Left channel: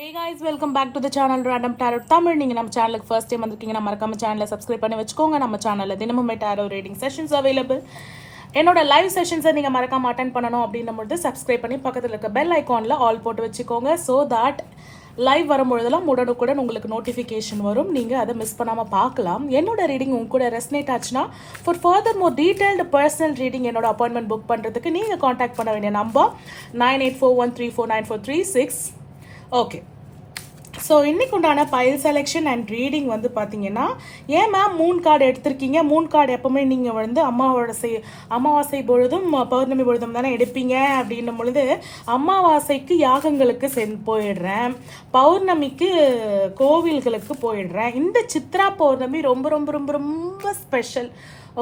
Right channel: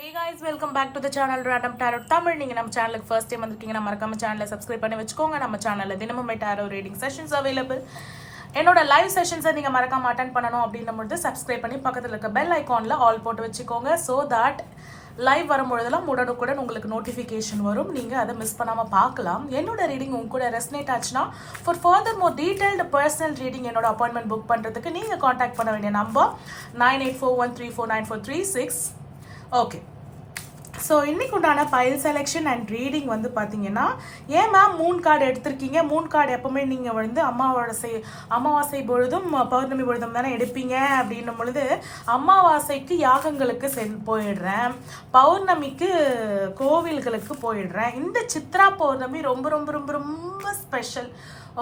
Hey guys, welcome back to the channel Random Tarot Tamil. நீங்க நம்ம சேனலுக்கு first time வந்திருக்கீங்கன்னா மறக்காம சேனலை சப்ஸ்கிரைப் பண்ணி வச்சுக்கோங்க. நம்ம சேனல்ல தினமுமே டாரோ ரீடிங் செஷன்ஸ் அவைலபிள். என்னோட லைவ் செஷன்ஸை நீங்க மறக்காம அட்டெண்ட் பண்ணணும் அப்படின்னும்போது சப்ஸ்கிரைப் பண்ணி பக்கத்துல இருக்க பெல் ஐகான்ல ஆல் போட்டு வச்சுக்கோங்க. ஸோ தட் லைவ் வரும்பொழுதெல்லாம் உடனுக்குடன் உங்களுக்கு நோட்டிஃபிகேஷன் வரும், நீங்க அதை மிஸ் பண்ணாம பார்க்கலாம். என்னோட ரீடிங் உங்க கூட ரெசனேட் ஆச்சுன்னா for further more detailed personal reading என்னோட அப்பாயின்மெண்ட் புக் பண்றதுக்கு நீங்க காண்டாக்ட் பண்ண வேண்டிய நம்பர் 9841349436. ஓகே, ஸோ இன்னைக்கு உண்டான பைல் செலெக்ஷன் அண்ட் ரீடிங் வந்து பார்த்தீங்கன்னா, ஏன் மேம் மூன் கார்டு எடுத்திருக்கீங்க? மூன் கார்டு எப்பவுமே நீங்கள் வந்து அமாவாசை பொழுதும் பௌர்ணமி பொழுதும் தானே எடுப்பீங்க அப்படின்னும் பொழுது, அமாவாசைக்கு யாகங்களுக்கு போயிடுறேன், பௌர்ணமிக்கு கோவில்களுக்கு போயிடுறேன். இந்த சித்ரா பௌர்ணமி ரொம்ப ரொம்ப ரொம்ப ரொம்ப ஸ்பெஷல்.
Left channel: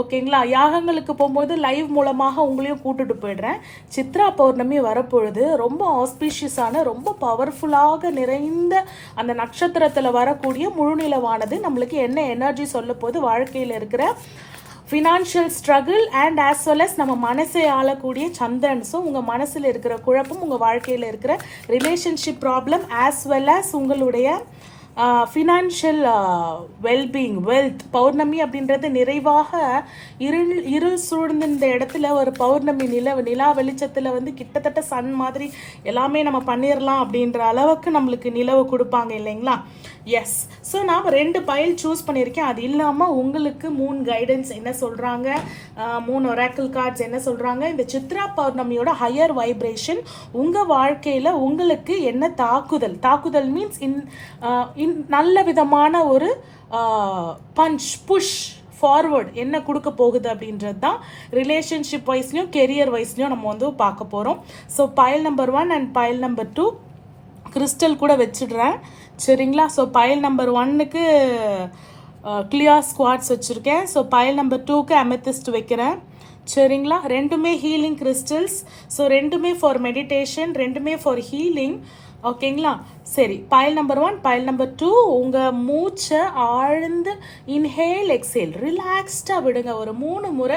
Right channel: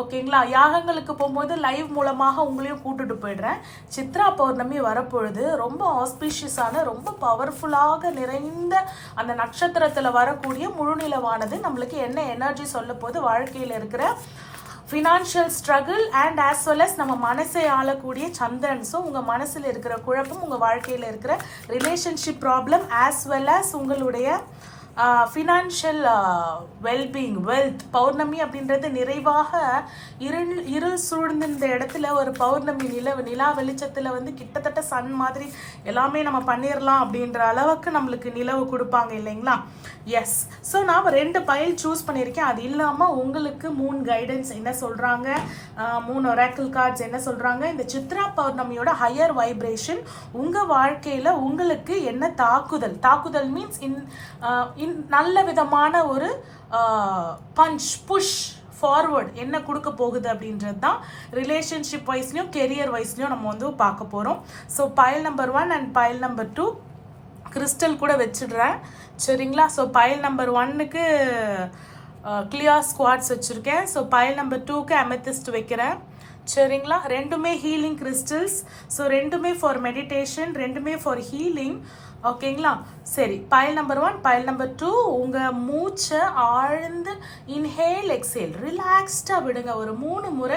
ஓகேங்களா? யாகங்களுக்கு போகும்போது லைவ் மூலமாக உங்களையும் கூட்டுட்டு போயிடுறேன். சித்ரா பௌர்ணமி வரப்பொழுது ரொம்ப ஆஸ்பீஷியஸான, ரொம்ப பவர்ஃபுல்லாக நிறைந்த அந்த நட்சத்திரத்தில் வரக்கூடிய முழுநிலவானது நம்மளுக்கு என்ன எனர்ஜி சொல்ல போது, வாழ்க்கையில் இருக்கிற financial struggle and as well as நம்ம மனசை ஆளக்கூடிய சந்திரன்ஸும், உங்கள் மனசில் இருக்கிற குழப்பம், உங்கள் வாழ்க்கையில் இருக்கிற relationship problem as well as உங்களுடைய ஃபினான்ஷியல் வெல்பீயிங், வெல்த். பௌர்ணமி அப்படின்றது நிறைவாக இருள் சூழ்ந்த இந்த இடத்துல ஒரு பௌர்ணமி நிலா வெளிச்சத்தில் வந்து கிட்டத்தட்ட சன் மாதிரி எல்லாமே நம்ம பண்ணிடலாம் அப்படின்ற அளவுக்கு நம்மளுக்கு நிலவு கொடுப்பாங்க இல்லைங்களா? எஸ். ஸோ நான் 2 பைல் சூஸ் பண்ணியிருக்கேன். அது இல்லாமல் உங்களுக்கு மூன் கைடன்ஸ் என்ன சொல்கிறாங்க, மூன் ஒராக்கிள் கார்ட்ஸ் என்ன சொல்கிறாங்க, இந்த சித்ரா பௌர்ணமியோட ஹையர் வைப்ரேஷன் உங்கள் வாழ்க்கையில் உங்களுக்கு என்ன தாக்குதல் மீன்ஸ் நல்ல விதமான ஒரு புஷ் ஃபார்வர்ட் என்ன கொடுக்க போகுது அப்படின்றது தான் ரிலேஷன்ஷிப் வைஸ்லையும் கெரியர் வைஸ்லையும் நம்ம வந்து பார்க்க போகிறோம். So file number 1 and file number 2 crystal கூட வச்சிடுறேன், சரிங்களா? ஸோ பைல் நம்பர் 1க்கு கிளியர் ஸ்குவாட்ஸ் வச்சுருக்கேன். ஸோ பைல் நம்பர் 2க்கு அமெத்திஸ்ட் வைக்கிறேன், சரிங்களா? ரெண்டுமே ஹீலிங் கிறிஸ்டல்ஸ். ஸோ ரெண்டுமே ஃபார் மெடிடேஷன், ரெண்டுமே ஃபார் ஹீலிங். ஓகேங்களா? சரி, பைல் நம்பர் 1, பைல் நம்பர் 2. உங்கள் மூச்சை ஆழ்ந்து இன்ஹேல் எக்ஸேல் ரிலாக்ஸ்டாக விடுங்க. ஒரு 3 முறை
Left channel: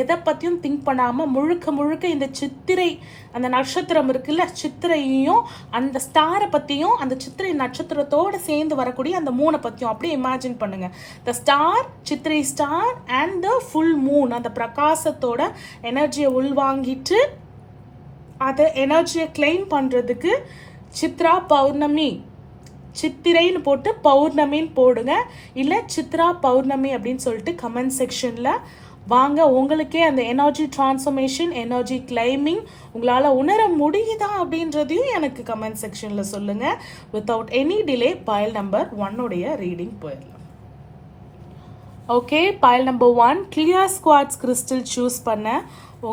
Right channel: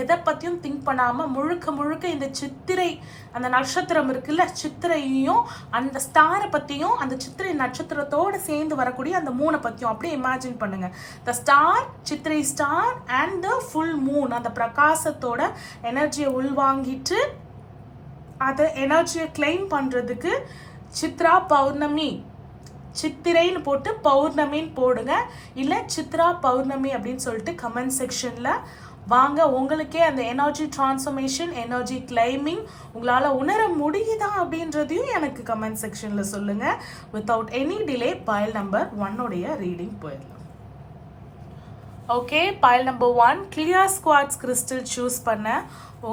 எதை பற்றியும் திங்க் பண்ணாமல் முழுக்க இந்த சித்திரை அந்த நட்சத்திரம் இருக்குல்ல, சித்திரையும் அந்த ஸ்டாரை பற்றியும் அந்த சித்திரை நட்சத்திரத்தோடு சேர்ந்து வரக்கூடிய அந்த 3 பற்றியும் அப்படியே இமேஜின் பண்ணுங்க. த star, Chithirai star and the full Moon, அந்த பிரகாசத்தோட எனர்ஜியை உள்வாங்கிட்டு அதை எனர்ஜியை கிளைம் பண்ணுறதுக்கு சித்ரா பௌர்ணமி, சித்திரைன்னு போட்டு பௌர்ணமின்னு போடுங்க, இல்லை சித்ரா பௌர்ணமி அப்படின்னு சொல்லிட்டு கமெண்ட் செக்ஷனில் வாங்க. உங்களுக்கே அந்த எனர்ஜி டிரான்ஸ்ஃபர்மேஷன், எனர்ஜி கிளைமிங் உங்களால் உணர முடியுதா அப்படின்றதையும் எனக்கு கமெண்ட் செக்ஷனில் சொல்லுங்கள். Without any delay file number 1 reading போயிடலாம். Okay, file number 1 clear quartz crystal choose பண்ண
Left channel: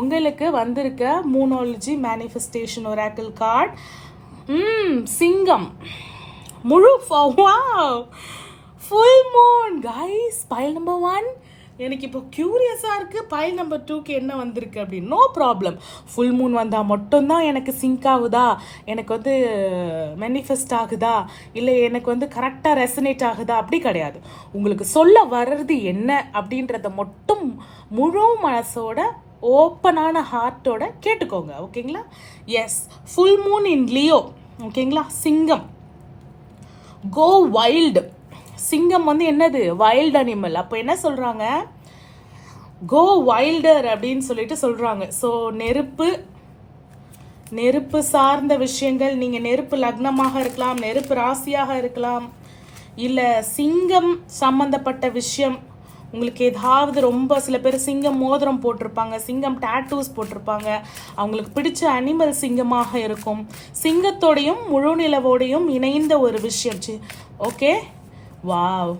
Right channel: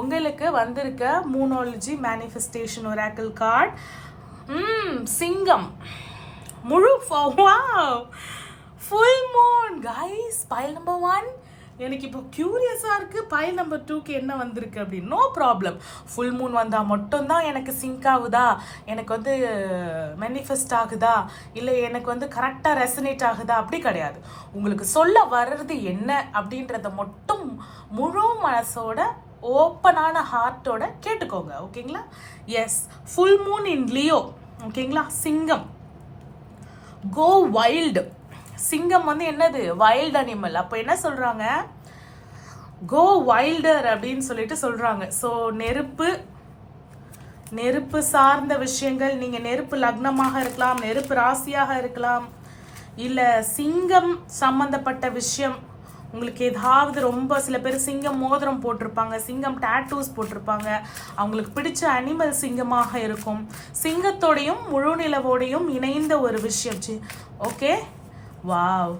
உங்களுக்கு வந்திருக்க மூனாலஜி மேனிஃபெஸ்டேஷன் ஒராக்கிள் கார்டு சிங்கம் முழு full moon guys. File number 1 எனக்கு இப்போ கியூரியஸாக இருக்குது, பைல் நம்பர் 2க்கு என்ன வந்திருக்கு அப்படின்னு. நோ ப்ராப்ளம், ஃபுல் மூன் வந்தால் மட்டும்தான் எனக்கு சிங்க் ஆகுதா, எனக்கு வந்து மேனிஃபெஸ்ட் ஆகுதா, இல்லை எனக்கு வந்து கரெக்டாக ரெசனேட் ஆகுதா, அப்படி கிடையாது. உங்களுக்கு சொல்ல வர்றது என்ன அப்படின்றத மட்டும் முழு மனசோட ஓப்பனான ஹார்ட்டோட கேட்டுக்கோங்க, ஓகேங்களா? Yes, full moon in Leo, ஓகேங்களா? சிங்கம், கோ வைல்டு. சிங்கம் வந்து என்னது? Wild animal. அப்போ என்ன சொல்றாங்க? கோ வைல்டர் அப்படின்னு சொல்லிட்டு சொல்றாங்க. ஸோ நெருப்பு சார்ந்த விஷயங்கள், நீங்க நெருப்பு லக்னமாக இருக்கலாம், நெருப்பு ராசியாக இருக்கலாம், இல்லை சிங்கம் சம்பந்தப்பட்ட விஷயம் உங்களுக்கு ஏதாவது ரொம்ப, சில பேர் சிங்கம் மோதிரம் போட்டிருப்பாங்க, சிங்கம் டாட்டூஸ் போட்டிருப்பாங்க, அவங்களுக்கு பிடிச்ச அனிமல் சிங்கமாக இருக்கும். சிங்கத்தோடையும் முழு நிலவோடையும் இணைந்த ஒரு விஷயம். Okay, wow,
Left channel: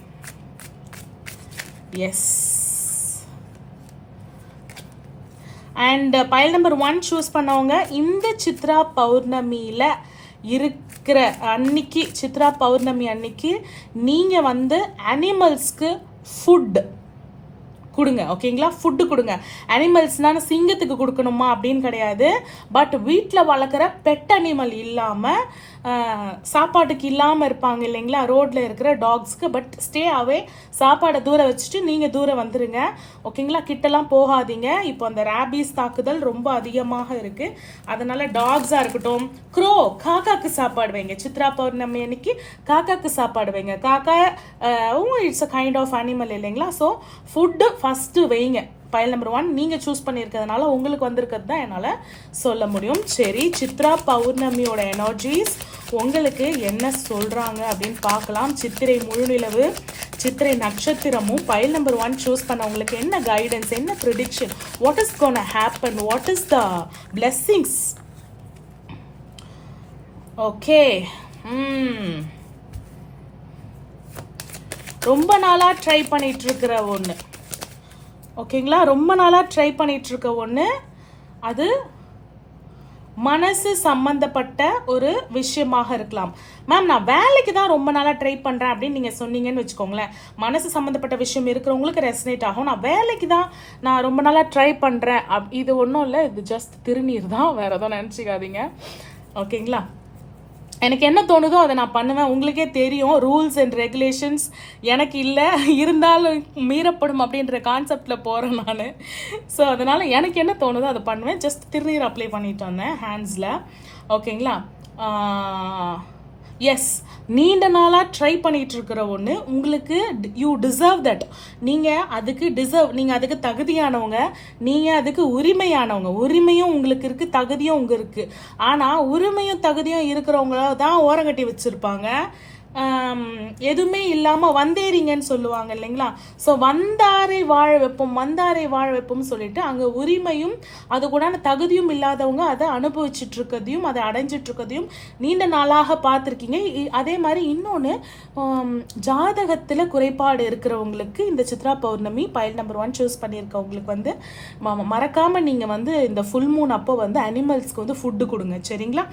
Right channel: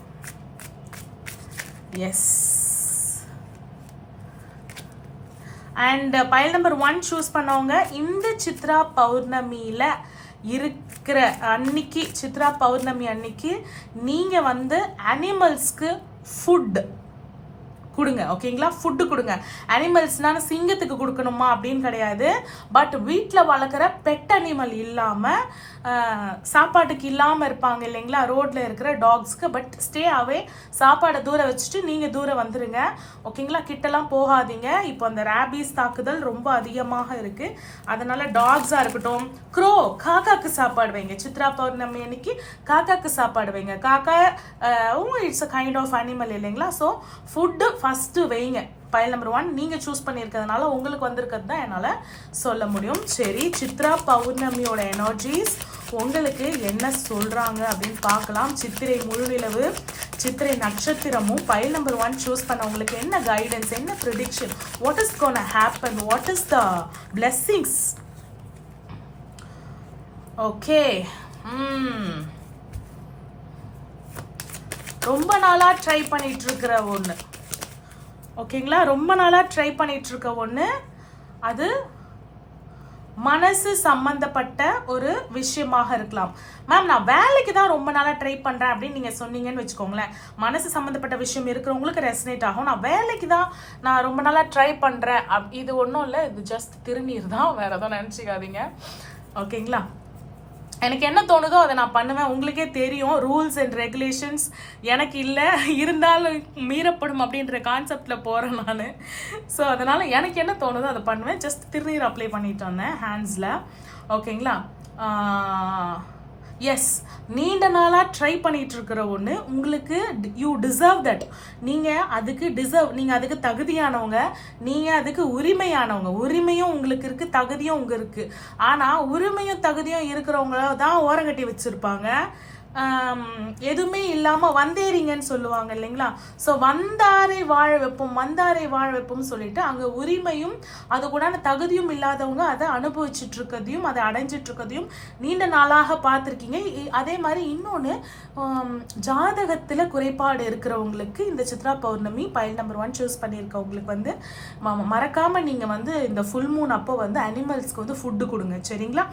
yes. And file number 1 choose பண்ணவங்க இந்த சித்ரா பௌர்ணமியில இருக்கிற அன்னைக்கு, சித்ரா பௌர்ணமி அன்னைக்கு நீங்க வந்து அனிமல்ஸ்க்கு ஃபுட் கொடுங்க, ஓகேங்களா? ஃபுட்டு கொடுங்க. அனிமல்ஸ்னால சிங்கத்துக்கு கொடுக்கணுமா அப்படின்னு கிடையாது, பட் வீட்டில் வளர்க்குற பெட் அனிமல் இல்லாமல் சாப்பாட்டுக்கு இல்லாமல் இருப்பாங்க இல்லைங்களா ரோட்ல இருக்கிற டாக்ஸ்க்கு. பட் ஸ்டே அவே, சாப்பாடை தூரம் வச்சுட்டு நீங்கள் தூரம் வந்துருங்க ஓகேங்களா. கிட்டலாம் போகாதீங்க. இப்போ அந்த ரேபீஸ் தாக்குதல் ரொம்ப அதிகமாக இருக்கு. அதனால டாக்ஸாக இருக்கட்டும், க்ரோ, காக்காக்கு சாப்பாடு வைங்க. சித்ரா பௌர்ணமி அன்னைக்கு காக்காக்கு சாப்பாடு வைங்க. காக்கா it's a kind of animal இல்லைங்களா. ஸோ ஃபுட்டு ஃபர்ஸ்ட் வைங்க. ஃபைல் நம்பர் 1 நீங்க சூஸ் பண்ணியிருக்கிறதுனால உங்களுக்கு வந்திருக்கிறது தான் என்னால் சொல்ல முடியும். சரி, சித்ரா பௌர்ணமியோட எனர்ஜிஸ் உங்களுக்கு என்ன சொல்றாங்க அப்படின்னு பார்க்கலாம். சித்திரை முழுநிலவு, சித்திரை நட்சத்திரமும் ஃபைல் நம்பர் 1 சூஸ் பண்ண உங்களுக்கு என்ன கைடன்ஸ், என்ன prediction, what is gonna happen, what is the blessings. Okay, ரொம்ப நாளா ட்ரை பண்ணிட்டு இருக்கிற ஒன்று ஓகேங்களா, ரொம்ப நாளாக ட்ரை பண்ணிட்டு இருக்க ஒன்று, அது மனசு சம்பந்தப்பட்ட ஒரு விஷயமாக இருக்கலாம். மேம் நான் வேலைக்கு தான் ரொம்ப நாளாக ட்ரை பண்ணுறேன் அப்படின்னு நீங்கள் சொன்னீங்கன்னு வச்சுக்கோங்களேன். மனசு சம்மந்தப்பட்ட விஷயம் இருக்கிறவங்களுக்கு ரெசனேட் ஆகும். நான் வேலைக்கு தான் நான் ரொம்ப நாளாக ட்ரை பண்ணுறேன் இது ஒன்றும் இல்லை, இது ஜஸ்ட் திருநீர் தான், வேற எதுவும் நினச்சிக்காதீங்க ஓகேங்களா. எனக்கு என்ன தோணுதோ அதை நான் பண்ணுவேன். உங்களுக்கே தெரியும் ரூல்ஸ் அண்ட் ரெகுலேஷன்ஸ் எனக்கு இல்லை, இருந்தாலும் மீறப்படும் அப்படின்ற கான்செப்டில் போகிறேன் நான். ஸோ அதனால் எனக்கு என்ன தோணுதோ அதை பண்ணுவேன். ஜஸ்ட் திருநீர் அப்ளை பண்ணிட்டு வந்தேன் ஹேண்ட்ஸில் ஓகேங்களா. எஸ், நீண்ட நாளாக ட்ரை பண்ணிட்டு இருக்கிற ஒன்று உங்களுக்கு, யூ டிசர்வ் தட். நீங்கள் அதுக்கு தகுதியானவங்க, நீங்கள் அதுக்கு உரிமையானவங்க. உரிமையும் உங்களுக்கு இருக்கு, தகுதியும் உங்களுக்கு இருக்கு. ஆனால் உரிமையும் தகுதியும் இருக்கிறவங்கள தான் ஓரங்கட்டி வச்சிருப்பாங்க. எதுவுமே இல்லாம வந்தேறீங்கன்னு சொல்லுவாங்க இல்லைங்களா. ஸோ வந்தாரை வாழ வைப்போம் சொல்லிட்டு அங்க உரிமையும் அது கூட தகுதியும் இல்லாதவங்க அதை அனுபவிச்சுட்டு இருக்கதையும் அதை அடைஞ்சிட்டு இருக்கதையும் நீண்ட நாளாக பார்த்துருக்கீங்க. அதே மாதிரி இன்னொன்று, ஜாதகத்துல குறைபாடு இருக்கிறவங்களுக்கு இந்த Chitra Pournami file number 1 choose பண்ணியிருக்கவங்களுக்கு வந்து மறக்காம நீங்க வந்து இந்த ஃபுல் மூன் அப்போ வந்து அனிமல்ஸ்க்கு வந்து ஃபுட்டு கொடுங்க சரிங்களா.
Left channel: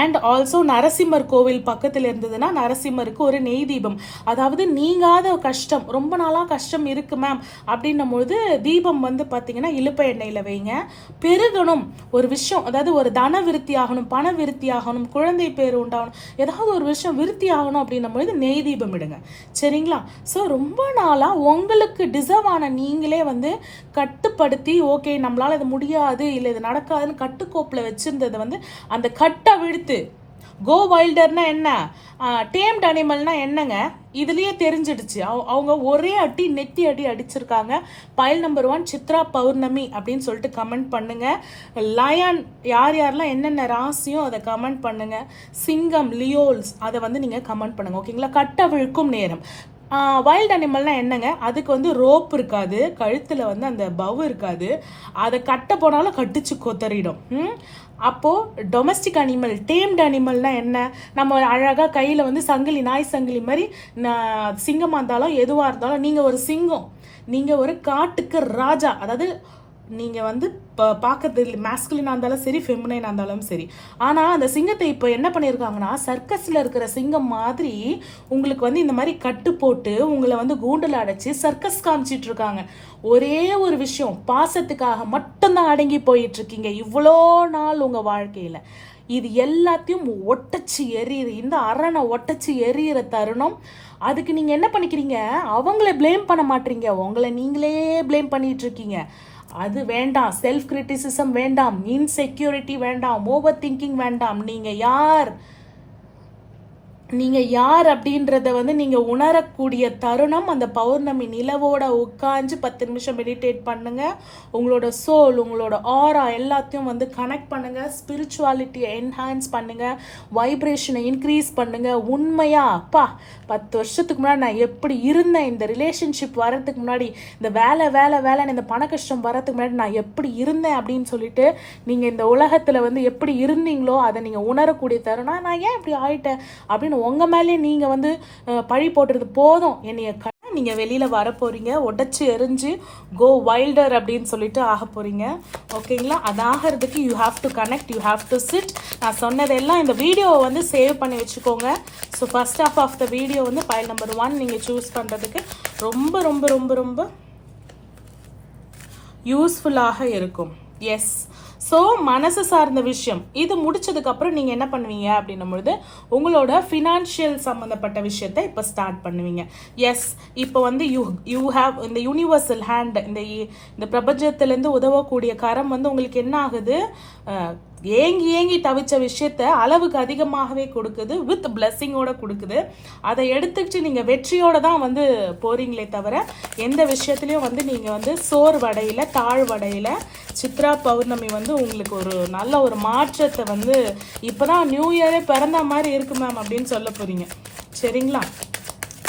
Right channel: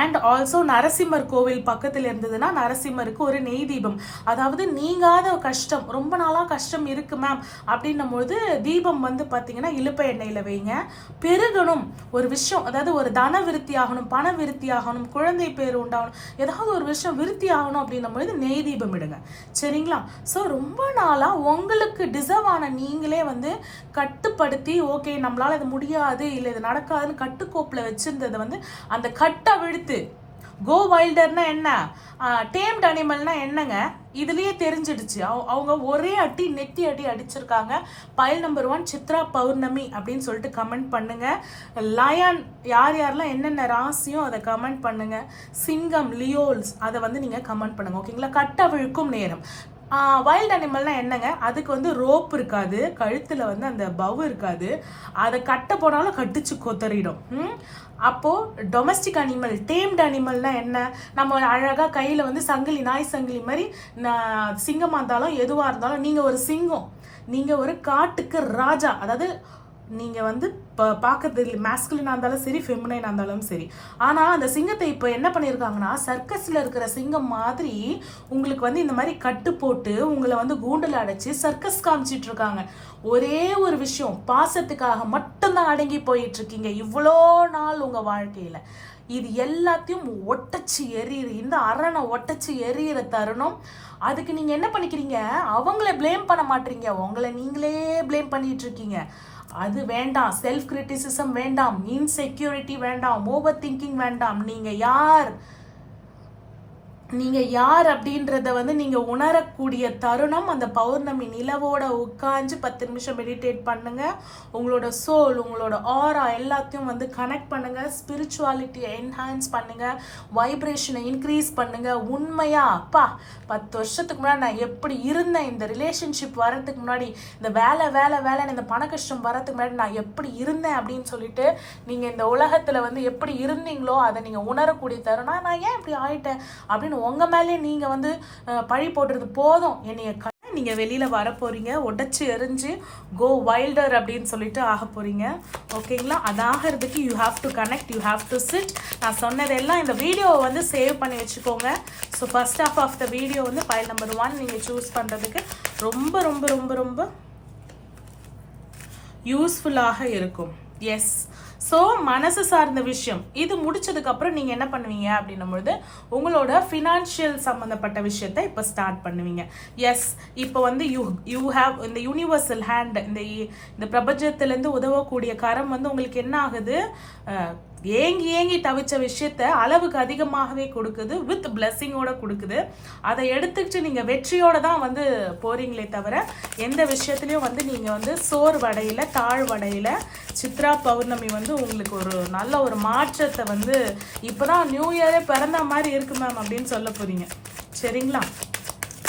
அண்ட் ஆல்சோ நரசிம்மர் கோவில் பக்கத்தில் இருந்ததுன்னா நரசிம்மருக்கு ஒரு நெய் தீபம், அதாவது நீங்காத கஷ்டம், ரொம்ப நாளாக கஷ்டம் இருக்கு மேம் அப்படின்னும் பொழுது தீபம் வந்து பார்த்தீங்கன்னா இலுப்பை எண்ணெயில் வைங்க. பெருகணும் ஒரு விஷயம், அதாவது ஒரு தன விருத்தி ஆகணும், பண விருத்தி ஆகணும், குழந்தை பேர் உண்டாகணும், ஏதாவது ஒரு விஷயம் விருத்தி ஆகணும் அப்படின்னும் பொழுது நெய் தீபம் இடுங்க சரிங்களா. ஸோ ரொம்ப நாளாக உங்களுக்கு டிசர்வ் ஆன நீங்களே வந்து கட்டுப்படுத்தி, ஓகே நம்மளால இது முடியாது இல்லை இது நடக்காதுன்னு கட்டுக்கோப்பில் வச்சிருந்ததை வந்து அந்த கட்டை விழுத்து கோ வைல்டர்னா என்ன, டேம்ட் அனிமல்னா என்னங்க இதுலயே தெரிஞ்சிடுச்சு. அவங்க ஒரே அடி நெத்தி அடி அடிச்சிருக்காங்க. பைல் நம்பர் 1 சித்ரா பௌர்ணமி அப்படின்னு சொல்லிட்டு கமெண்ட் பண்ணுங்க. லயன் யாரெல்லாம் என்னென்ன ராசியும் அதை கமெண்ட் பண்ணுங்க. சிங்கம், லியோல்ஸ் அதை வந்து நீங்க கமெண்ட் பண்ணுங்க ஓகேங்களா. கட்ட விழுக்கும் நேரம். வைல்ட் அனிமல்னா என்னங்க, அதுக்கு வந்து ரோப் இருக்காது, கழுத்துல வந்து அந்த பவ் இருக்காது, அதை கட்ட போனாலும் கட்டிச்சு கொத்தறிடும். அப்போ டொமஸ்டிக் அனிமல், டேம்டு அனிமல்னா என்ன, நம்ம அழகா கையில வந்து சங்கிலி, நாய் சங்கிலி மாதிரி சிங்கமா இருந்தாலும் எதுவா இருந்தாலும் நீங்க ஒரு சிங்கம், நீங்க ஒரு காட்டுக்கு ராஜா. அதாவது நீங்க வந்து பார்க்கறது மேஸ்குலினா இருந்தாலும் சரி, ஃபெமினைனா இருந்தாலும் சரி. ஆனா அந்த சிங்கத்தை இப்போ என்ன பண்ணியிருக்காங்கன்னா சர்க்கஸ்ல இருக்கிற சிங்கம் மாதிரி உங்களுக்கு வந்து இந்த மாதிரி கட்டு போட்டு உங்களை வந்து கூண்டுல அடைச்சி சர்க்கஸ் காமிச்சிட்டு இருக்காங்க. ஒரே ஒரு விஷயம், பாசத்துக்காக மட்டும்தான் அடங்கி போயிட்டு இருக்கீங்க இவ்வளோ நாள் உங்க வாழ்க்கையில. இது எல்லாத்தையும் ஒட்டச்சு எறிகிற, இந்த அரணை ஒட்டச்சு எறிகிற தருணம். அதுக்கு நீங்க என்ன பண்ணிக்கிறீங்க, அவங்கள பிளேம் பண்ண மாட்டீங்க, உங்களை நீங்களே பிளேம் பண்ணிட்டு இருக்கீங்க. அது வேண்டாம். செல்ஃப் கிரிட்டிசிசம் வேண்டாம், இன்செக்யூரிட்டி வேண்டாம், ஓவர் திங்கிங் வேண்டாம். நீங்க யார் அப்படின்றத வந்து நீங்க உணரக்கூடிய தருணம் அந்த பௌர்ணமி நிலவோட உட்காந்து 10 நிமிஷம் மெடிடேட் பண்ணுங்க. உங்களோட சோல், உங்களோட ஆரா எல்லாத்தையும் வந்து கனெக்ட் பண்ணுங்க. ஸ்பிரிச்சுவாலிட்டியை என்ஹான்ஸ் பண்ணுங்க, வைப்ரேஷனை இன்க்ரீஸ் பண்ணுங்க. உண்மையா அப்பா 10 வருஷத்துக்கு முன்னாடி நான் எப்படி இருந்தேன், இந்த ரிலேஷன்ஷிப் வரதுக்கு முன்னாடி, இந்த வேலை இந்த பண கஷ்டம் வரதுக்கு முன்னாடி நான் எப்படி இருந்தேன் அப்படின்னு சொல்லிட்டு நீங்க இந்த உலகத்துல வந்து எப்படி இருந்தீங்களோ அதை நீங்க உணரக்கூடிய தருணம். நான் ஏன் இப்படி ஆயிட்டேன் அப்படின்னு உங்க மேலேயே நீங்க வந்து பழி போடுறது போதும். என்னைய நீங்க வெளியில வர போறீங்க, உடைச்சு எரிஞ்சு கோ வைல்டர் அப்படின்னு சொல்லிட்டு ஆக போறீங்க ஓகேங்களா. அது ஆகிறதுக்கு you have to connect, you have to sit. நான் சொன்னதெல்லாம் இந்த வீடியோவை வந்து சேவ் பண்ணி வச்சுக்கோங்க. So first half of the video வந்து ஃபைல் நம்பர் 1 நீங்க சூஸ் பண்றதுக்கு ரொம்ப ரொம்ப ரொம்ப ரொம்ப யூஸ்ஃபுல்லாக இருக்கும் எஸ். ஸோ மனசு சார்ந்த விஷயம் இது முடிச்சதுக்கு அப்புறம் நீங்க என்ன பண்ணுவீங்க அப்படின்னும் பொழுது உங்களோட ஃபினான்ஷியல் சம்பந்தப்பட்ட விஷயத்தை இப்போ ஸ்டார்ட் பண்ணுவீங்க. எஸ், இப்போ வந்து யூ ஹேவ் இந்த யூனிவர்சல் ஹேண்ட், இந்த பிரபஞ்சத்திலேருந்து உதவக்கூடிய கரம் வந்து உங்களுக்கு என்ன ஆகுது, ஏங்கி ஏங்கி தவிச்ச விஷயத்த அளவுக்கு அதிகமாகவே கொடுக்குது, வித் பிளெஸ்ஸிங்கோட கொடுக்குது. அதை எடுத்துக்கிட்டு நீங்க வெற்றியோட தான் வந்து போறீங்களே தவிர எந்த விஷயத்துலயும் வந்து நீங்க வந்து சோர்வடையில தாழ்வடையில. சித்ரா பௌர்ணமி வந்து உங்களுக்கு ஒரு நல்ல ஒரு மாற்றத்தை வந்து இப்பதான் நியூ இயரே பிறந்த மாதிரி இருக்கு மேம் அப்படின்னு சொல்ல போறீங்க. சரிங்களா?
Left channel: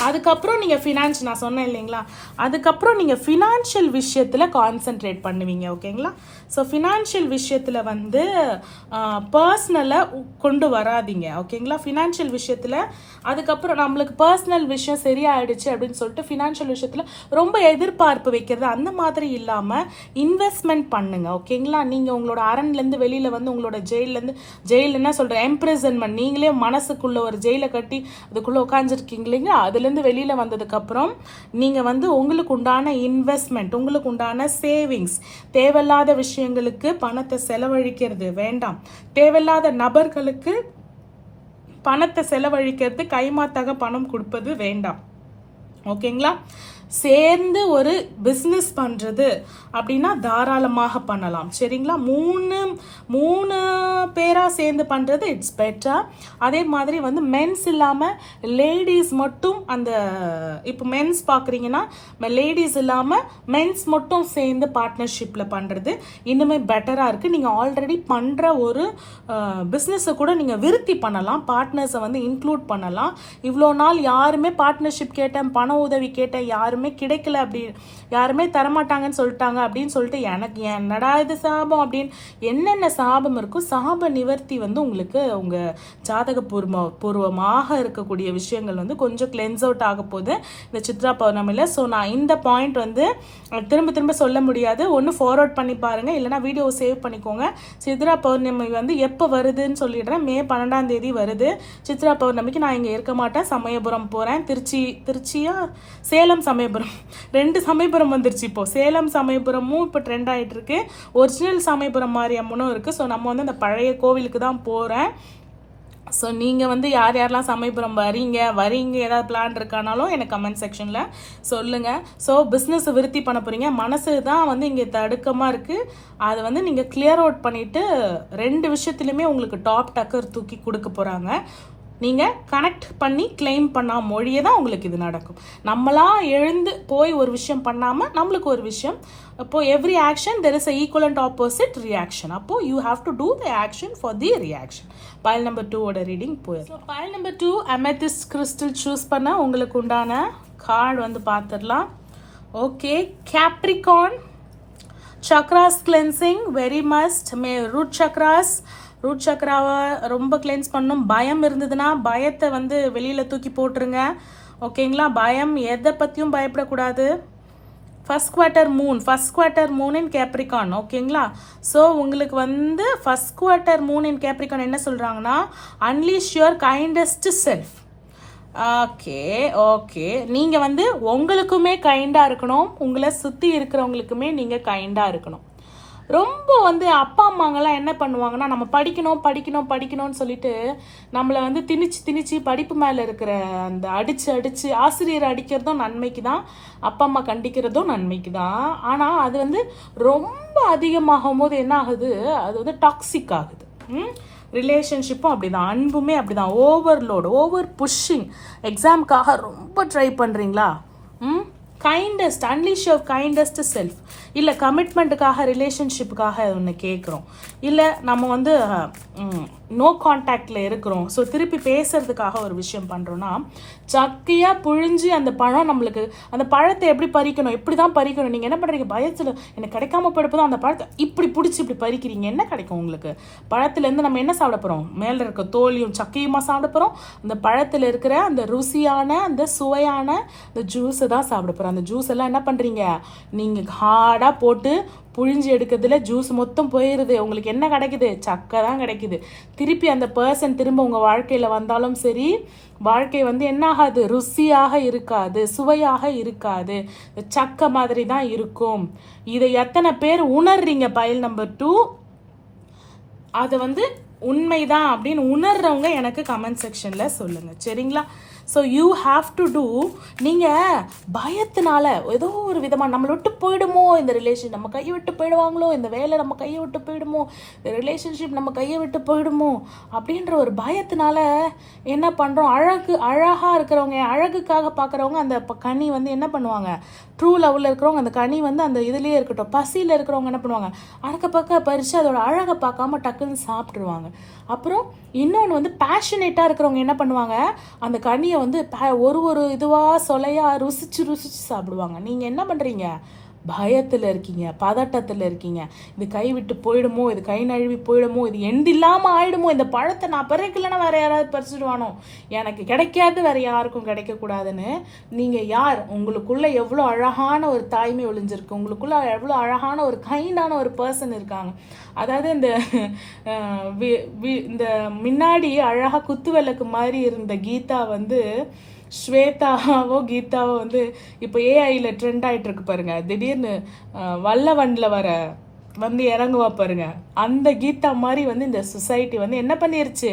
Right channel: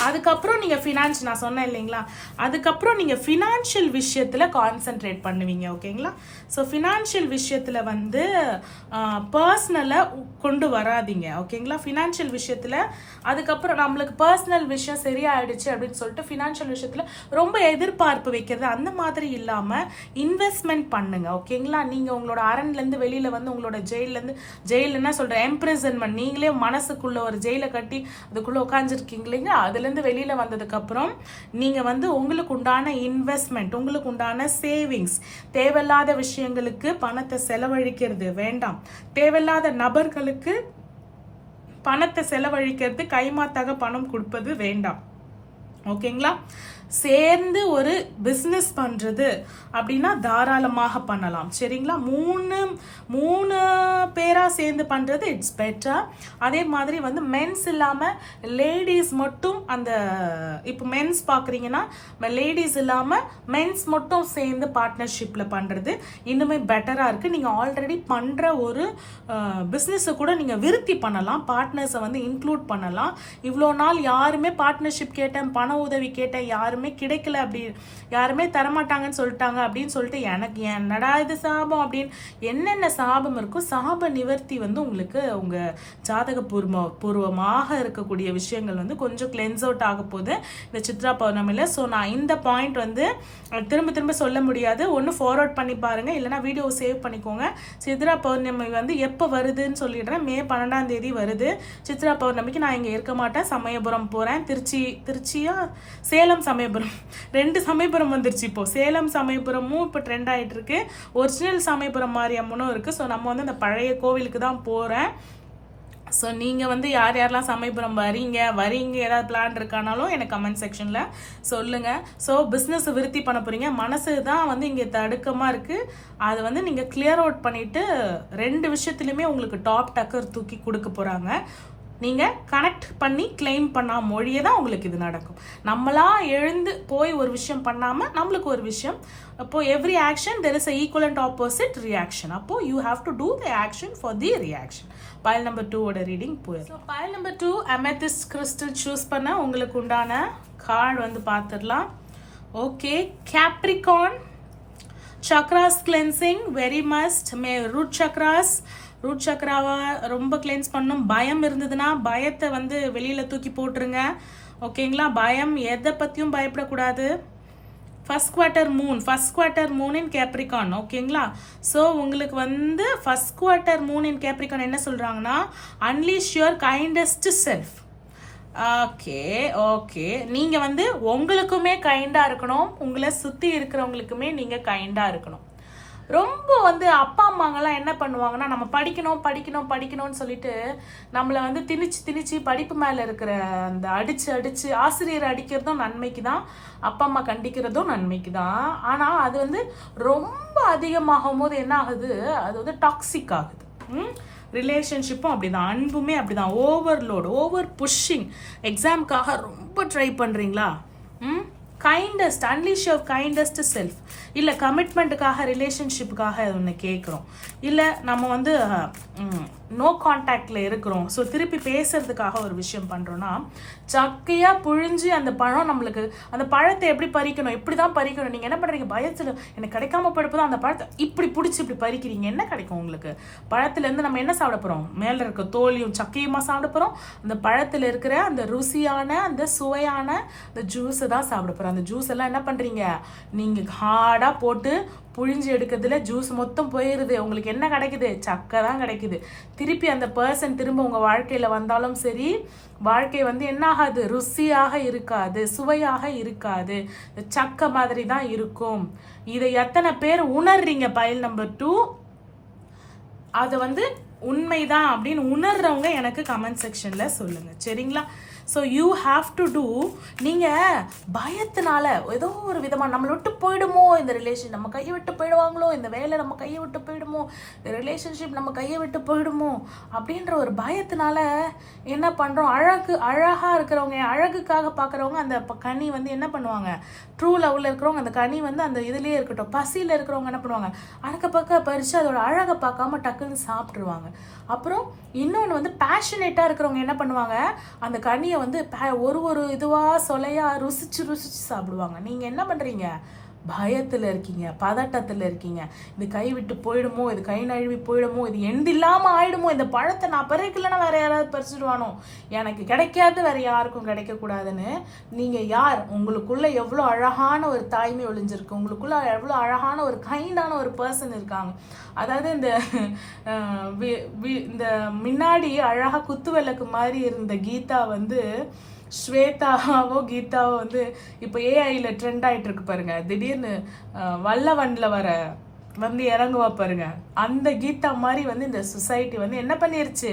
அதுக்கப்புறம் நீங்கள் ஃபினான்ஸ், நான் சொன்னேன் இல்லைங்களா, அதுக்கப்புறம் நீங்கள் ஃபினான்ஷியல் விஷயத்தில் கான்சென்ட்ரேட் பண்ணுவீங்க. ஓகேங்களா? ஸோ ஃபினான்ஷியல் விஷயத்தில் வந்து பர்சனலை கொண்டு வராதிங்க. ஓகேங்களா? ஃபினான்ஷியல் விஷயத்தில் அதுக்கப்புறம் நம்மளுக்கு பர்சனல் விஷயம் சரியாயிடுச்சு அப்படின்னு சொல்லிட்டு ஃபினான்ஷியல் விஷயத்தில் ரொம்ப எதிர்பார்ப்பு வைக்கிறது அந்த மாதிரி இல்லாமல் இன்வெஸ்ட்மெண்ட் பண்ணுங்க. ஓகேங்களா? நீங்கள் உங்களோட அரண்லேருந்து வெளியில் வந்து உங்களோட ஜெயில் என்ன சொல்கிறேன், எம்ப்ரிசன்மெண்ட், நீங்களே மனசுக்குள்ள ஒரு ஜெயிலை கட்டி அதுக்குள்ளே உட்காந்துருக்கீங்க இல்லைங்களா, அதுலேருந்து வெளியில் வந்ததுக்கப்புறம் நீங்கள் வந்து உங்களுக்கு உண்டான இன்வெஸ்ட்மெண்ட், உங்களுக்கு உண்டான சேவிங்ஸ், தேவையில்லாத விஷயங்களுக்கு பணத்தை செலவழிக்கிறது வேண்டாம். தேவையில்லாத நபர்களுக்கு பணத்தை செலவழிக்கிறது, கைமாத்தாக பணம் கொடுப்பது வேண்டாம். ஓகேங்களா? சேர்ந்து ஒரு பிஸ்னஸ் பண்ணுறது அப்படின்னா தாராளமாக பண்ணலாம். சரிங்களா? மூணு பேராக சேர்ந்து பண்ணுறது இட்ஸ் பெட்டர். அதே மாதிரி வந்து மென்ஸ் இல்லாமல் லேடிஸ் மட்டும், அந்த இப்போ மென்ஸ் பார்க்குறீங்கன்னா லேடிஸ் இல்லாமல் மென்ஸ் மட்டும் சேர்ந்து பார்ட்னர்ஷிப்பில் பண்ணுறது இன்னுமே பெட்டராக இருக்குது. நீங்கள் ஆல்ரெடி பண்ணுற ஒரு பிஸ்னஸை கூட நீங்கள் விருத்தி பண்ணலாம், பார்ட்னர்ஸை வந்து இன்க்ளூட் பண்ணலாம். இவ்வளோ நாள் யாருமே பார்ட்னர்ஷிப் கேட்டேன், பண உதவி கேட்டேன், யாருமே கிடைக்கல, அப்படி யாருமே தரமாட்டாங்கன்னு சொல்லிட்டாங்க அப்படின்னு சொல்லிட்டு எனக்கு என்னடா இது சாபம் அப்படின்னு என்னென்ன சாபம் இருக்கும், சாப நிவர்த்தி வந்து உங்களுக்கு உங்கள் ஜாதக பூர்வமாக இருக்கக்கூடிய விஷயங்கள் வந்து கொஞ்சம் கிளென்ஸ் அவுட் ஆக போகுது இந்த சித்ரா பௌர்ணமியில். ஸோ நான் இந்த பாயிண்ட் வந்து திரும்ப திரும்ப சொல்ல முடியாது, ஒன்று ஃபார்வர்ட் பண்ணி பாருங்கள், இல்லைனா வீடியோ சேவ் பண்ணிக்கோங்க. சித்ரா பௌர்ணமி வந்து எப்போ வருதுன்னு சொல்லிடுறேன். மே 12 வருது சித்ரா பௌர்ணமிக்கு. நான் இங்கே இருக்க மாட்டேன், சமயபுரம் போகிறேன். திருச்சியா சேலம் சமயபுரம், 2 சமயபுரம் வந்துருச்சு. இப்போ சேலம் சமயபுரமும் இப்போ ட்ரெண்ட் ஆகிட்டு இருக்கு, ஒரிஜினல் சமயபுரம் மாரியம்மனும் இருக்குது. ஸோ நம்ம வந்து அந்த பழைய கோவிலுக்கு தான் போகிறேன். ஸோ நீங்கள் வந்து யாரெல்லாம் சமயபுரம் வரீங்க ஏதாவது பிளான் இருக்கானாலும் எனக்கு கமெண்ட் செக்ஷனில் சொல்லுங்கள். ஸோ பிஸ்னஸை விருத்தி பண்ண போகிறீங்க, மனசு தான் வந்து இங்கே தடுக்கமாக இருக்குது, அதை வந்து நீங்கள் கிளியர் அவுட் பண்ணிவிட்டு 2 விஷயத்துலையுமே உங்களுக்கு டாப் டக்கர் தூக்கி கொடுக்க போகிறாங்க. நீங்கள் கனெக்ட் பண்ணி கிளைம் பண்ணால் மொழியே தான் உங்களுக்கு இது நடக்கும். நம்மளாம் எழுந்து போய் ஒரு விஷயம் பண்ணாமல் நம்மளுக்கு ஒரு விஷயம், அப்போது every action there is a equivalent opposite reaction. அப்போது you have to do the action for the reaction. File number 2 reading போயிடும். So file number 2 amethyst crystal choose பண்ண உங்களுக்கு உண்டான கார்டு வந்து பார்த்துடலாம். Okay, Capricorn chakras cleansing very must. Root சக்ராவை ரொம்ப cleanse பண்ணணும். பயம் இருந்ததுன்னா பயத்தை வந்து வெளியில் தூக்கி போட்டுருங்க. ஓகேங்களா? பயம் எதை பற்றியும் பயப்படக்கூடாது. ஃபர்ஸ்ட் குவார்ட்டர் மூன் இன் கேப்ரிகான். ஓகேங்களா? ஸோ உங்களுக்கு வந்து ஃபர்ஸ்ட் குவார்ட்டர் மூன் இன் கேப்ரிகான் என்ன சொல்கிறாங்கன்னா, unleash your kindest self. Okay நீங்கள் வந்து உங்களுக்குமே கைண்டாக இருக்கணும், உங்களை சுற்றி இருக்கிறவங்களுக்குமே நீங்கள் கைண்டாக இருக்கணும். ரொம்ப வந்து அப்பா அம்மாங்கெல்லாம் என்ன பண்ணுவாங்கன்னா, நம்ம படிக்கணும்னு சொல்லிட்டு நம்மளை வந்து திணிச்சு படிப்பு மேலே இருக்கிற அந்த அடிச்சு ஆசிரியர் அடிக்கிறதும் நன்மைக்கு தான், அப்பா அம்மா கண்டிக்கிறதும் நன்மைக்கு தான். ஆனால் அது வந்து ரொம்ப அதிகமாகும் போது என்ன ஆகுது, அது வந்து டாக்ஸிக் ஆகுது. ரிலேஷன்ஷிப்பும் அப்படிதான், அன்புமே அப்படிதான். Over pushing. எக்ஸாமுக்காக ரொம்ப ட்ரை பண்ணுறீங்களா, kindest unleash your kindest self. இல்லை கமிட்மெண்ட்டுக்காக ரிலேஷன்ஷிப்புக்காக ஒன்று கேட்குறோம், இல்லை நம்ம வந்து நோ கான்டாக்டில் இருக்கிறோம், ஸோ திருப்பி பேசுறதுக்காக ஒரு விஷயம் பண்ணுறோன்னா, சக்கையாக புழிஞ்சு அந்த பழம் நம்மளுக்கு, அந்த பழத்தை எப்படி பறிக்கணும், எப்படி தான் பறிக்கணும். நீங்கள் என்ன பண்ணுறீங்க, பயத்தில் எனக்கு கிடைக்காம போய்ட்டு அந்த பழத்தை இப்படி பிடிச்சி இப்படி பறிக்கிறீங்க, என்ன கிடைக்கும் உங்களுக்கு? பழத்துலேருந்து நம்ம என்ன சாப்பிட போகிறோம், மேலே இருக்க தோலியும் சக்கையுமா சாப்பிட போகிறோம், அந்த பழத்தில் இருக்கிற அந்த ருசியான அந்த சுவையான அந்த ஜூஸை தான் சாப்பிட போகிறோம். அந்த ஜூஸ் எல்லாம் என்ன பண்ணுறீங்க, நீங்கள் ஹார்டாக போட்டு புழிஞ்சு எடுக்கிறதுல ஜூஸ் மொத்தம் போயிடுது. உங்களுக்கு என்ன கிடைக்குது, சக்கை தான் கிடைக்குது. திருப்பி அந்த பர்சன் திரும்ப உங்கள் வாழ்க்கையில் வந்தாலும் சரி, வாழ்க்கை வந்து என்ன ஆகாது, ருசியாக இருக்காது, சுவையாக இருக்காது, சக்கை மாதிரி தான் இருக்கும். இதை எத்தனை பேர் உணர்றீங்க? பைல் நம்பர் 2 அதை வந்து உண்மைதான் அப்படின்னு உணர்றவங்க எனக்கு கமெண்ட் செக்ஷனில் சொல்லுங்கள், சரிங்களா? So you have to do. நீங்கள் பயத்தினால ஏதோ ஒரு விதமாக நம்மளை விட்டு போயிடுமோ இந்த ரிலேஷன், நம்ம கையை விட்டு போயிடுவாங்களோ, இந்த வேலை நம்ம கையை விட்டு போயிடுமோ, இந்த ரிலேஷன்ஷிப் நம்ம கையை விட்டு போயிடுமோ அப்படின்ற ஒரு பயத்தினால என்ன பண்ணுறோம், அழகாக இருக்கிறவங்க, அழகுக்காக பார்க்குறவங்க அந்த கனி வந்து என்ன பண்ணுவாங்க, ட்ரூ லவ்வில் இருக்கிறவங்க அந்த கனி வந்து அந்த இதுலேயே இருக்கட்டும், பசியில் இருக்கிறவங்க என்ன பண்ணுவாங்க, அறக்க பக்க பறித்து அதோட அழகை பார்க்காம டக்குன்னு சாப்பிட்ருவாங்க. அப்புறம் இன்னொன்று வந்து பேஷனேட்டாக இருக்கிறவங்க என்ன பண்ணுவாங்க, அந்த கனியை வந்து ஒரு இதுவாக சொலையாக ருசிச்சு சாப்பிடுவாங்க. நீங்கள் என்ன பண்ணுறீங்க, பயத்தில் இருக்கீங்க, பதட்டத்தில் இருக்கீங்க. இது கை விட்டு போயிடுமோ, இது கை நழுவி போயிடுமோ, இது எண்டு இல்லாமல் ஆயிடுமோ, இந்த பழத்தை நான் பறிக்கலைன்னா வேற யாராவது பறிச்சுடுவானோ, எனக்கு கிடைக்காது வேற யாருக்கும் கிடைக்கக்கூடாதுன்னு. நீங்கள் யார், உங்களுக்குள்ள எவ்வளோ அழகான ஒரு தாய்மை ஒளிஞ்சிருக்கு, உங்களுக்குள்ள எவ்வளோ அழகான ஒரு கைண்டான ஒரு பர்சன் இருக்காங்க. அதாவது இந்த முன்னாடி அழகாக குத்து விளக்கு மாதிரி இருந்த கீதா வந்து ஸ்வேதாவோ கீதாவோ வந்து இப்போ ஏஐயில் ட்ரெண்ட் ஆகிட்டு இருக்கு பாருங்க. திடீர்னு வல்லவன்ல வந்து இறங்குவா பாருங்க, அந்த கீதா மாதிரி வந்து இந்த சொசைட்டி வந்து என்ன பண்ணிருச்சு,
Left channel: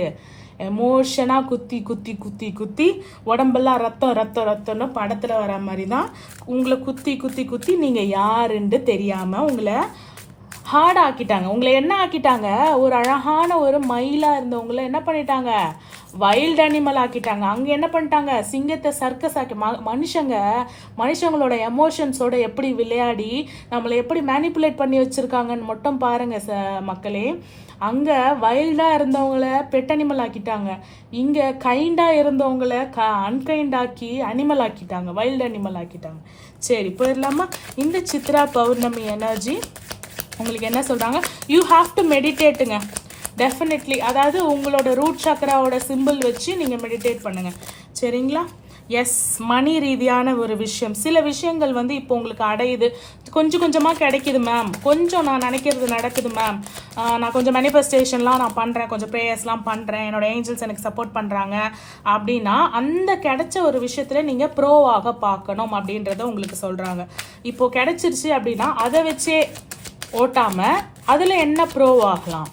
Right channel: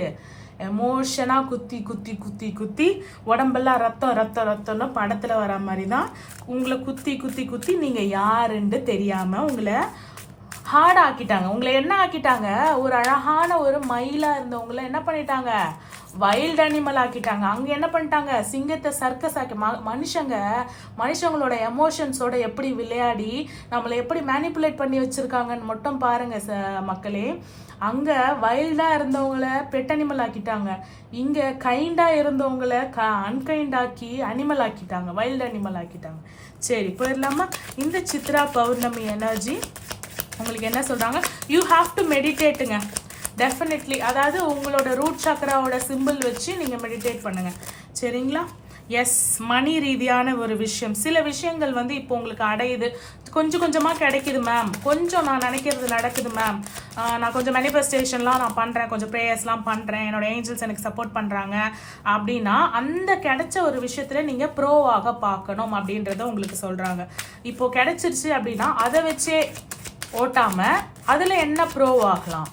எமோஷனாக குத்தி குத்தி குத்தி குத்தி உடம்பெல்லாம் ரத்தம்னு படத்தில் வர மாதிரி தான் உங்களை குத்தி குத்தி குத்தி நீங்கள் யாருன்னு தெரியாமல் உங்களை ஹார்ட் ஆக்கிட்டாங்க. உங்களை என்ன ஆக்கிட்டாங்க, ஒரு அழகான ஒரு மயிலாக இருந்தவங்களை என்ன பண்ணிட்டாங்க, வைல்ட் அனிமல் ஆக்கிட்டாங்க. அங்கே என்ன பண்ணிட்டாங்க, சிங்கத்தை சர்க்கஸ் ஆக்கி மனுஷங்களோட எமோஷன்ஸோட எப்படி விளையாடி நம்மளை எப்படி மேனிப்புலேட் பண்ணி வச்சுருக்காங்கன்னு மட்டும் பாருங்க மக்களே. அங்கே வைல்டாக இருந்தவங்கள பெட் அனிமல் ஆக்கிட்டாங்க, இங்கே கைண்டாக இருந்தவங்கள அன்கைண்டாக்கி அனிமல் ஆக்கிட்டாங்க, வைல்டு அனிமல் ஆக்கிட்டாங்க. சரி போயிடலாமா? இந்த சித்ரா பௌர்ணமி எனர்ஜி உங்களுக்கு என்ன சொல்கிறாங்க, யூ ஹாவ் டு மெடிடேட்டுங்க டெஃபினெட்லி. அதாவது உங்களோட ரூட் சக்கராவோட சிம்பிள் வச்சு நீங்கள் மெடிடேட் பண்ணுங்கள், சரிங்களா? எஸ், மணி ரீதியான ஒரு விஷயம், சில விஷயங்கள் வந்து இப்போ உங்களுக்கு அடையுது, கொஞ்சம் கொஞ்சமாக கிடைக்குது மேம், கொஞ்சம் நான் நினைக்கிறது நடக்குது மேம், நான் கொஞ்சம் மேனிஃபெஸ்டேஷன்லாம் நான் பண்ணுறேன், கொஞ்சம் ப்ரேயர்ஸ்லாம் பண்ணுறேன், என்னோட ஏஞ்சல்ஸ் எனக்கு சப்போர்ட் பண்ணுறாங்க அப்படின்னா அந்த கிடைச்ச ஒரு விஷயத்தில் நீங்கள் ப்ரோவாக பார்க்கணும் அப்படின்றத உங்களுக்கு சொல்கிறாங்க. இப்போது கிடைச்சிருச்சு அப்படின்னா அதை வச்சே ஓட்டாமல் அதில் என்ன ப்ரோ ஆகலாம்,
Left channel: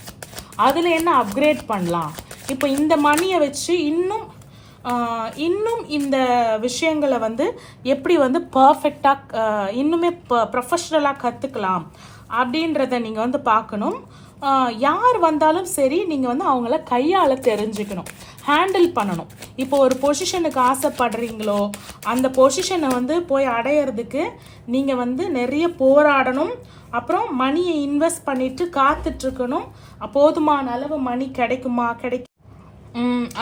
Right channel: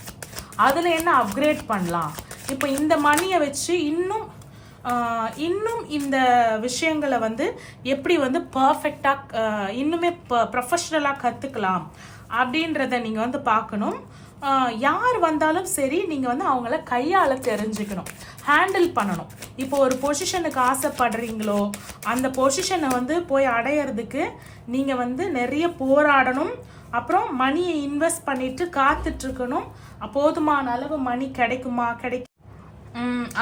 அதில் என்ன அப்கிரேட் பண்ணலாம், இப்போ இந்த மணியை வச்சு இன்னும் இந்த விஷயங்களை வந்து எப்படி வந்து பர்ஃபெக்டாக இன்னுமே ப்ரொஃபஷ்னலாக கற்றுக்கலாம் அப்படின்றத நீங்கள் வந்து பார்க்கணும். யார் வந்தாலும் சரி நீங்கள் வந்து அவங்கள கையால் தெரிஞ்சுக்கணும், ஹேண்டில் பண்ணணும். இப்போ ஒரு பொசிஷனுக்கு ஆசைப்படுறீங்களோ அந்த பொசிஷனை வந்து போய் அடையிறதுக்கு நீங்கள் வந்து நிறைய போராடணும். அப்புறம் மணியை இன்வெஸ்ட் பண்ணிட்டு காத்துட்ருக்கணும், போதுமான அளவு மணி கிடைக்குமா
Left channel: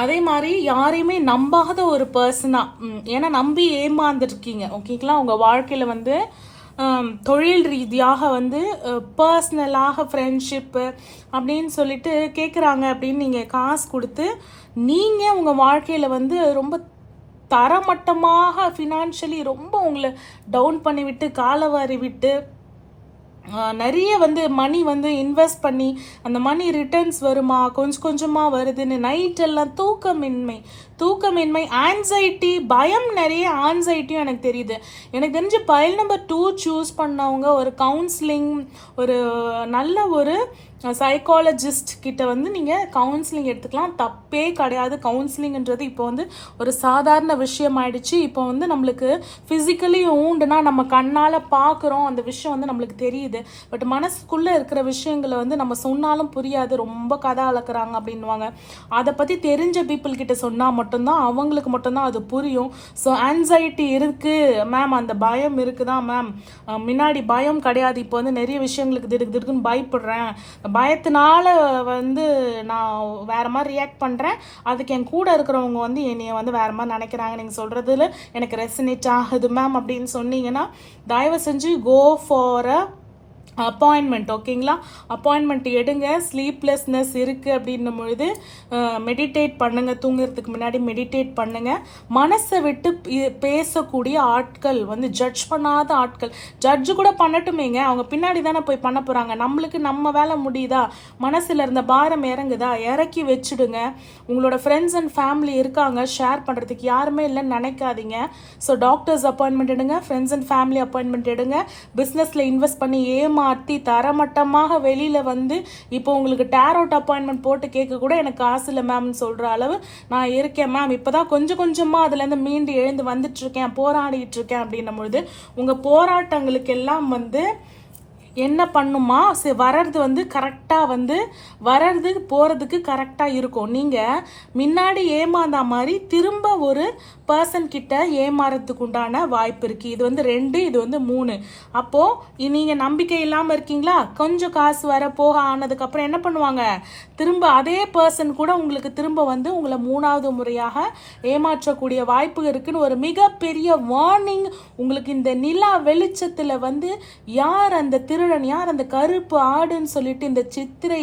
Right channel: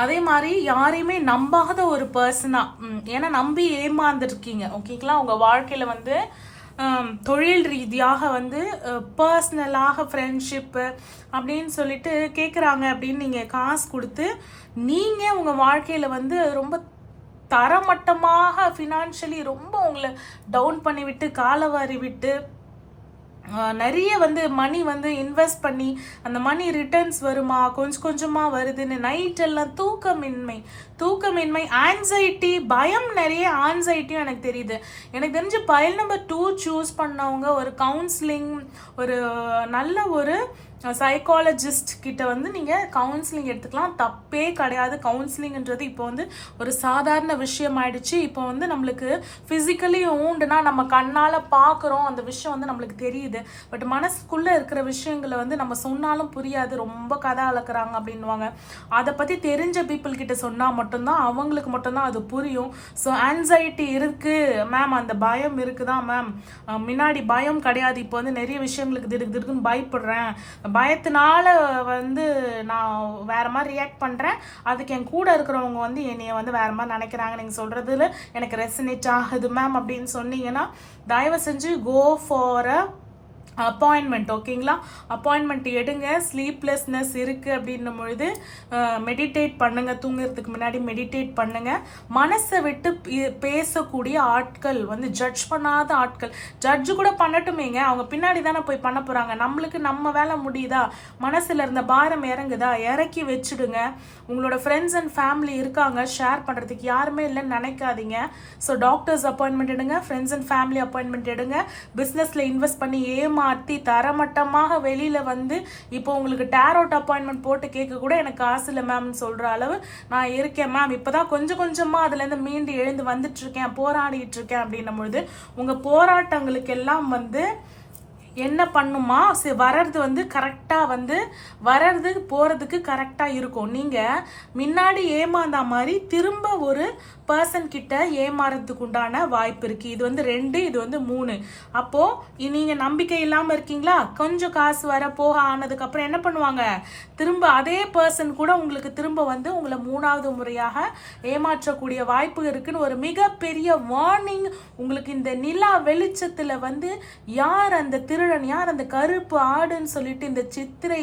அதே மாதிரி யாரையுமே நம்பாத ஒரு பர்சனாக, ஏன்னா நம்பி ஏமாந்துருக்கீங்க ஓகேங்களா. உங்கள் வாழ்க்கையில் வந்து தொழில் ரீதியாக வந்து பர்சனலாக ஃப்ரெண்ட்ஷிப்பு அப்படின்னு சொல்லிட்டு கேட்குறாங்க அப்படின்னு நீங்கள் காசு கொடுத்து நீங்கள் உங்கள் வாழ்க்கையில் வந்து ரொம்ப தரமட்டமாக ஃபினான்ஷியலி ரொம்ப உங்களை டவுன் பண்ணிவிட்டு காலவாரி விட்டு நிறைய வந்து மணி வந்து இன்வெஸ்ட் பண்ணி அந்த மணி ரிட்டர்ன்ஸ் வருமா, கொஞ்சம் கொஞ்சமாக வருதுன்னு நைட்டெல்லாம் தூக்கமின்மை ஆன்சைட்டி, பயம், நிறைய ஆன்சைட்டியும் எனக்கு தெரியுது. எனக்கு தெரிஞ்சு பைல் நம்பர் 2 சூஸ் பண்ணவங்க ஒரு கவுன்சிலிங், ஒரு நல்ல ஒரு சைக்காலஜிஸ்ட் கிட்ட வந்து நீங்கள் கவுன்சிலிங் எடுத்துக்கலாம், தப்பே கிடையாது. கவுன்சிலிங்ன்றது இப்போ வந்து ஒரு சாதாரண விஷயம் ஆயிடுச்சு. இப்போ வந்து நம்மளுக்கு ஃபிசிக்கலி ஊண்டுனா நம்ம கண்ணால் பார்க்குறோம், அந்த விஷயம் வந்து நம்மளுக்கு தெரியுது. பட் மனசுக்குள்ளே இருக்கிற விஷயங்களை வந்து நம்ம சொன்னாலும் புரியாது, ரொம்ப கதை அளக்குறாங்க அப்படின்வாங்க. அதை பற்றி தெரிஞ்ச பீப்புள் கிட்ட சொன்னால் மட்டும்தான் அவங்களுக்கு மட்டும்தான் அது புரியும். ஸோ ஆன்சைட்டி இருக்குது மேம், அந்த பயம் இருக்குதான் மேம், முன்னாடி பயம் கிடையாது, இப்போ வந்து நிறைய விஷயங்களுக்கு திடுக்குன்னு பயப்படுறேன், பயத்தினால வந்து நான் வேற மாதிரி ரியாக்ட் பண்ணுறேன், அதுக்கு என் கூட இருக்கிறவங்க வந்து என்னைய வந்து வேற மாதிரி நினைக்கிறாங்க, நீங்கள் சொல்கிறதுல எனக்கு ரெசனேட் ஆகுது மேம் அப்படின்னு சொன்னீங்கன்னா தயவு செஞ்சு கோ ஃபார் அ அப்பாயின்மெண்ட். ஓகேங்களா, அப்பாயின்மெண்ட் எடுங்க. ஸ்லீப்லெஸ்னஸ் இருக்குது அப்படின்னும் பொழுது மெடிடேட் பண்ணுங்க. தூங்குறதுக்கு முன்னாடி மெடிடேட் பண்ணுங்க. மனசை விட்டு பேசக்கூடிய ஆட்கள் வந்து ஜட்ஜ் பண்ணாத ஆட்கள். ஜட்ஜு கூட பண்ணட்டுமேங்க, அவங்க பின்னாடி தானே போய் பண்ண போகிறாங்க. நம்மளுக்கு நம்ம வேலை முடியுதா, மனசில் இருந்த பாரம் இறங்குதா, இறக்கி வச்சுடுங்க. உங்களோட ஃப்ரெண்ட்ஸ் அண்ட் ஃபேமிலி இருக்காங்க ஷேர் பண்ணுறதுக்கு, யாருமே இல்லைன்னு நினைக்காதீங்க. ஸோ டாக்டர்ஸ் அப்பாயின்மெண்ட் எடுங்க, ஃப்ரெண்ட்ஸ் அண்ட் ஃபேமிலி அப்பாயின்மெண்ட் எடுங்க. பிஸ்னஸில் இன்வெஸ்ட் பண்ணி மாற்றி தரமட்டமாக வெளியில வந்து இப்போ உங்களுக்கு டேரோட் அப்பாயின்மெண்ட் போட்டு கேட்க கூட எனக்கு காசு இல்லை மேம்னு சொல்ற அளவு நான் இருக்கேன் மேம், இப்பதான் கொஞ்சம் கொஞ்சமா அதுல இருந்து மீண்டு எழுந்து வந்துட்டு இருக்கேன், போராடிட்டு இருக்கேன் அப்படின்னும் பொழுது உங்க போராட்டங்களுக்கு எல்லாம் வந்து என்ன பண்ணுமா, வர்றது வந்து கரெக்டாக வந்து வர்றது போகிறதுக்கு கரெக்டாக இருக்கும். நீங்கள் முன்னாடி ஏமாந்தா மாதிரி திரும்ப ஒரு பர்சன் கிட்ட ஏமாறதுக்கு உண்டான வாய்ப்பு இருக்குது. இது வந்து 2, இது வந்து 3. அப்போது நீங்கள் நம்பிக்கை இல்லாமல் இருக்கீங்களா, கொஞ்சம் காசு வர போக ஆனதுக்கப்புறம் என்ன பண்ணுவாங்க, திரும்ப அதே பர்சன் கூட உங்களுக்கு திரும்ப வந்து உங்களை 3வது முறையாக ஏமாற்றக்கூடிய வாய்ப்பு இருக்குன்னு ஒரு மிகப்பெரிய வார்னிங் உங்களுக்கு இந்த நிலா வெளிச்சத்தில் வந்து யார் அந்த திருடன், யார் அந்த கருப்பு ஆடுன்னு சொல்லிட்டு இந்த சித்திரை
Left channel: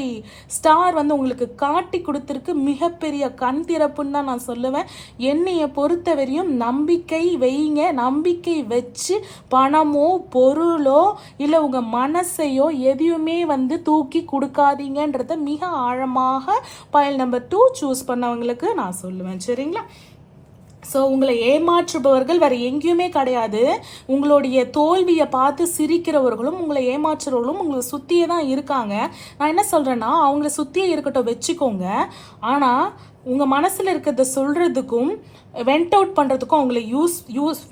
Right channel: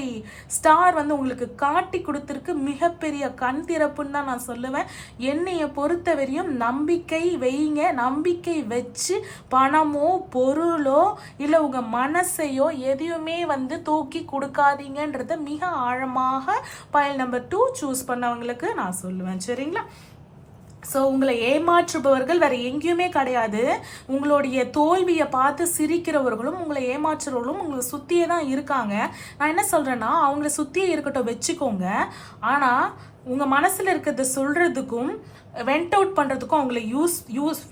ஸ்டார் வந்து உங்களுக்கு காட்டி கொடுத்துருக்கு. மிகப்பெரிய கண் திறப்புன்னு தான் நான் சொல்லுவேன். என்னைய பொறுத்தவரையும் நம்பிக்கை வைங்க. நம்பிக்கை வச்சு பணமோ பொருளோ இல்லை உங்க மனசையோ எதையுமே வந்து தூக்கி கொடுக்காதீங்கன்றத மிக ஆழமாக பயல் நம்பர் 2 சூஸ் பண்ணவங்களுக்கு நான் சொல்லுவேன். சரிங்களா? ஸோ உங்களை ஏமாற்றுபவர்கள் வேற எங்கேயுமே கிடையாது. உங்களுடைய தோல்வியை பார்த்து சிரிக்கிறவர்களும் உங்களை ஏமாற்றுறவர்களும் உங்களை சுற்றியே தான் இருக்காங்க. நான் என்ன சொல்கிறேன்னா, அவங்கள சுற்றியே இருக்கட்டும், வச்சுக்கோங்க. ஆனால் உங்கள் மனசில் இருக்கிறத சொல்கிறதுக்கும் வெண்ட் அவுட் பண்ணுறதுக்கும் அவங்கள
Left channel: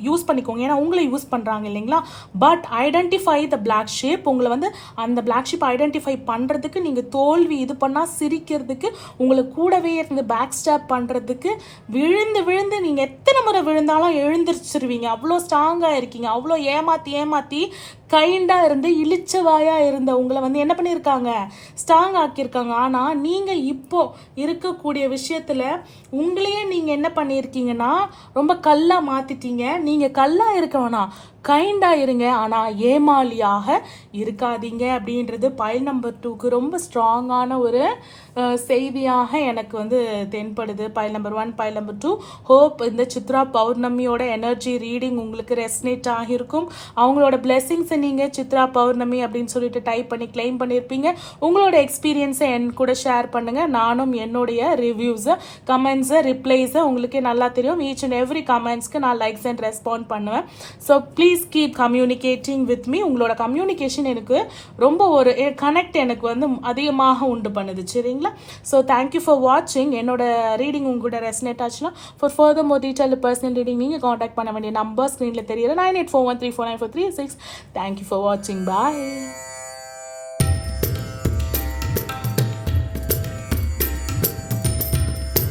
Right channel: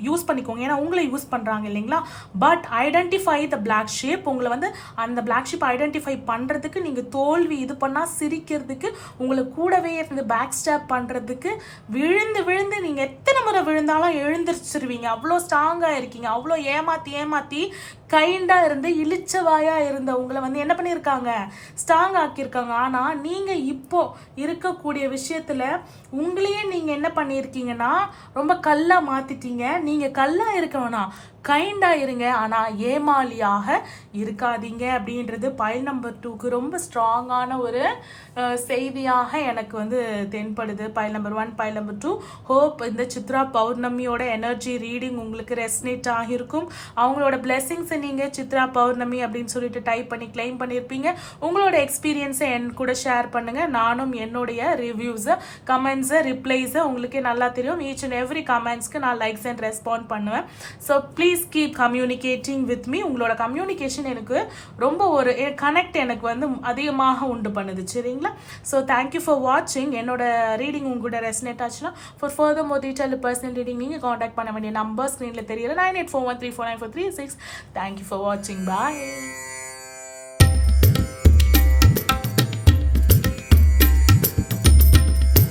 யூஸ் பண்ணிக்கோங்க. ஏன்னா உங்களை யூஸ் பண்ணுறாங்க இல்லைங்களா. But identify the black sheep. உங்களை வந்து அந்த பிளாக் ஷீப் ஐடென்டிஃபை பண்ணுறதுக்கு, நீங்கள் தோல்வி இது பண்ணால் சிரிக்கிறதுக்கு, உங்களை கூடவே இருந்து பேக் ஸ்டாப் பண்ணுறதுக்கு, விழுந்து விழுந்து நீங்கள் எத்தனை முறை விழுந்தாலும் எழுந்திரிச்சிருவீங்க. அவ்வளோ ஸ்ட்ராங்காக இருக்கீங்க. அவ்வளோ ஏமாற்றி கைண்டாக இருந்து இழிச்சவாயாக இருந்த உங்களை வந்து என்ன பண்ணியிருக்காங்க, ஸ்ட்ராங் ஆக்கியிருக்காங்க. ஆனால் நீங்கள் இப்போ இருக்கக்கூடிய விஷயத்தில் உங்களையே நீங்கள் என்ன பண்ணியிருக்கீங்கன்னா ரொம்ப கல்லாக மாற்றிட்டீங்க. நீங்கள் கல்லாக இருக்க வேணாம், கைண்டாக இருங்க, ஆனால் ஏமாளியாக இருக்காதீங்க அப்படின்றது பயல் நம்பர் 2க்கு ரொம்ப ஸ்ட்ராங்கான ஒரு செய்தியாக எனக்கு வந்து தென்படுது. பயல் நம்பர் 1, பயல் நம்பர் 2. ஹோப் இந்த சித்ரா பௌர்ணமியோட எனர்ஜி ரீடிங் உங்களுக்கு ரெஸ்னேட் ஆகியிருக்கும். அவங்களோட பிளெஸிங்ஸை நீங்கள் சித்ரா பௌர்ணமி அப்படின்னு சொல்லிட்டு டைப் பண்ணி கிளைம் பண்ணியிருப்பீங்க. உங்களோட எக்ஸ்பீரியன்ஸை என் கூட ஷேர் பண்ணுங்கள். நானும் என்னுடைய ரிவ்யூஸை, கமெண்ட்ஸை, ரிப்ளைஸை உங்களுக்கே நல்லா தெரியும். ஈச் அண்ட் எவ்ரி கமெண்ட்ஸ்க்கு நான் லைக்ஸ் அண்ட் ரெஸ்பாண்ட் பண்ணுவேன். So please keep communicating with me. உங்களோட கம்யூனிகேஷன் எனக்கு ரொம்ப ஒரு கனெக்ட் எனக்கு வந்து அதிகமாக உண்டு பண்ணுது. சரிங்களா? ஸோ தேங்க்யூ ஃபார் வாட்சிங். என்னோட ரீடிங் உங்களோட ரெசனேட் ஆச்சுன்னா for further more detail personal reading நீங்கள் காண்டாக்ட் பண்ண வேண்டிய நம்பர் ஸ்க்ரீனில் தெரியல 9841349436. தேங்க்யூ ஃபார் வாட்சிங். பாய்.